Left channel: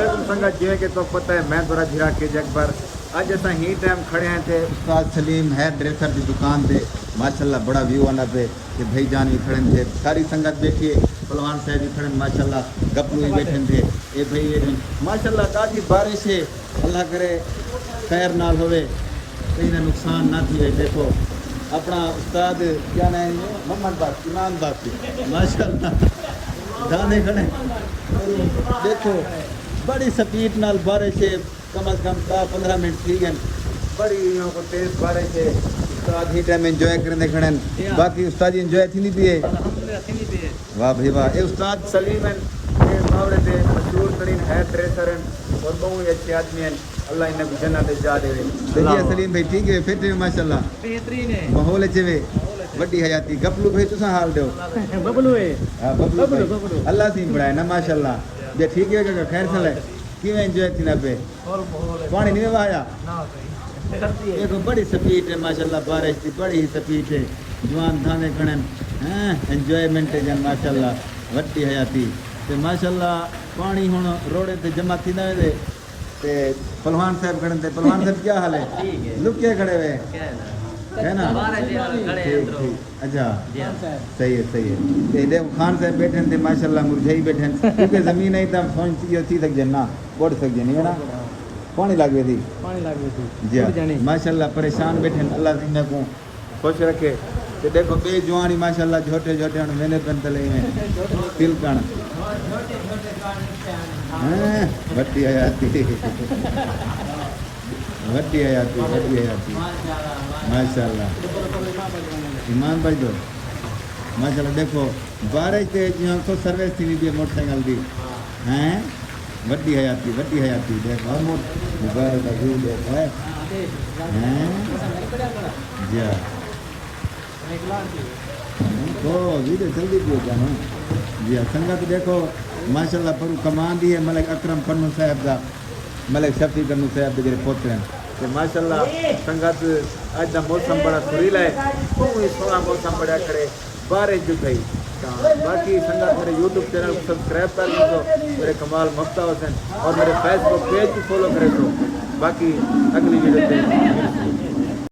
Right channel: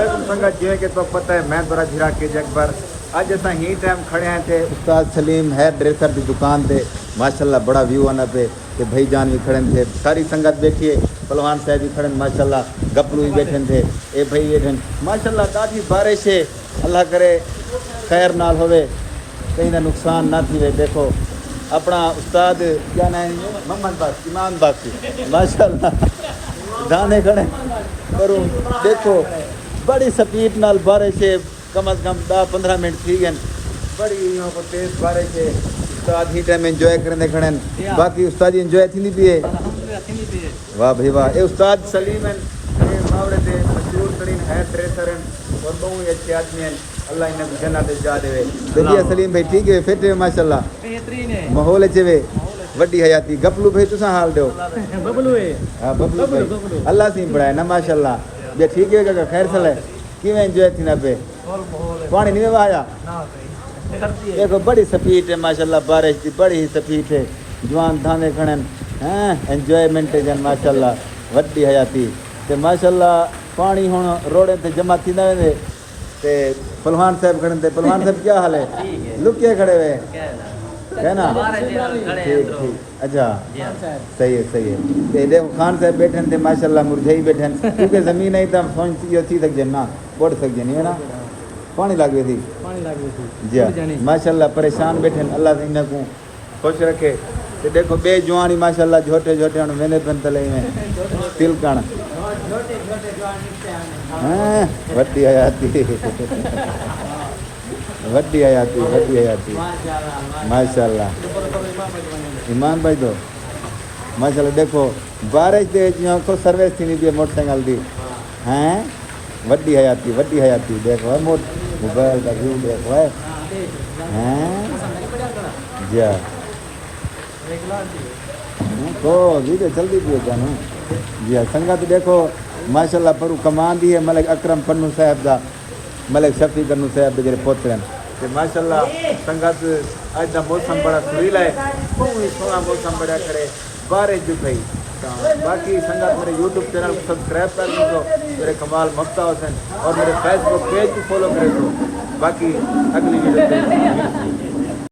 علیکم سنگت جی کہ تو پتہ ہے میں تھوڑا جھرا کے اکبر اج اساں ہی ٹائم کھڑے ہیں تے استاد سلیم ہیئر ڈریسر دی دکان تے ماشاءاللہ بڑا ویو آنا پہ کہ بھائی جان بھی کھڑے تھے ساری سنگت بیٹھی ہے پہلوان صاحب بھی کھڑے ماشاءاللہ گپلو بھی بیٹھے تھے اے بھائی بیٹھے ماشاءاللہ کافی بارش ہے اللہ کرے خیر نال ہوئے کہیں نہ نقصان نہ تھی دیکھو اپنا استاد کیا نام ہے محمد باقی امام باقی ماشاءاللہ دانے کھڑے کرو دیکھو بڑی سپیڈ نال بارش ہے کم از کم 10-15 منٹ تھی گئے بڑی یہاں کو تیز بارش ہے استاد ہی ٹائم انجوائے کرنے کھڑے باقی استاد انجوائے تھی نہیں پیے واہ بھائی واہ اے استاد سلیم ہیں اے ماورے دے مشہور ترین ہیئر ڈریسر ہیں اور بہت اچھے آدمی ہیں اللہ انہیں کو جنت جا دے دیکھیے سلیم بھائی ٹھیک ہے فٹ ہے ماشاءاللہ بہترین ہے ماحول اچھے وے وڈی حیاتی گپلو بھائی تساں حال دیو ببلو ہے ہاں ببلو اللہ سے بڑھائے نا ماشاءاللہ جے ٹھیک ہے کہ خیر سل ہے کیویں انجوائے تھی نہ پہ پانی نہیں آیا دیکھو بڑی سپیڈ ہے ماشاءاللہ بارش کی بڑی سپیڈ ہے جوان دھانے کھڑے ہیں انجوائمنٹ ہے جن ماشاءاللہ وڈی حیاتی تے ماشاءاللہ پانی ہن روڑے تے جمع تھیندا وے تے پہلوان صاحب کھڑے تے پہلوان صاحب کیا حال ہے لکے کھڑے ہوئے ہے نا اچھا صحیح ہے تے دیکھو خان صاحب بیٹھے تے ماشاءاللہ مرجھائی بیٹھے کیونکہ زمین ہے تے سوچ جو تھی تک جنہ پڑ سک جنی ہے نا پانی لگ گئی تھی جی ماشاءاللہ پریشان بیٹھے اللہ انہیں کو خوش رکھے تے دیکھو بے جوانی ماشاءاللہ جھوٹے جھوٹے ہن ویندے پن تلے میں تلکن وڈی حیاتی وڈی حیاتی ماشاءاللہ ایمان بھائی دو ماشاءاللہ دیکھو بارش تے یہاں کو سروس تھی نہیں پی موٹر سائیکل دی ہیں وڈی حیاتی دیکھو موبائل کا زوم دیکھو ہیں جی تو ویڈیو جلدی بھی ہوتا نا جی سنگت دیکھو ماشاءاللہ پرو کمان دی ہے ملک اکرم پنو صاحب دا ملک شفیع کنو صاحب دے جڑے پوتر ہیں ماشاءاللہ سنگت اج دا موسم بڑا سریلا ہے بہت سونا موسم بڑا کرے بارش جو تھی باقی سنگت میرے یوٹیوب چینل کو سبسکرائب کر دو میرے کمال مفتا حسین اور میرے فیس بک پیج کو فالو کرے دو باقی اگلی ویڈیو پہ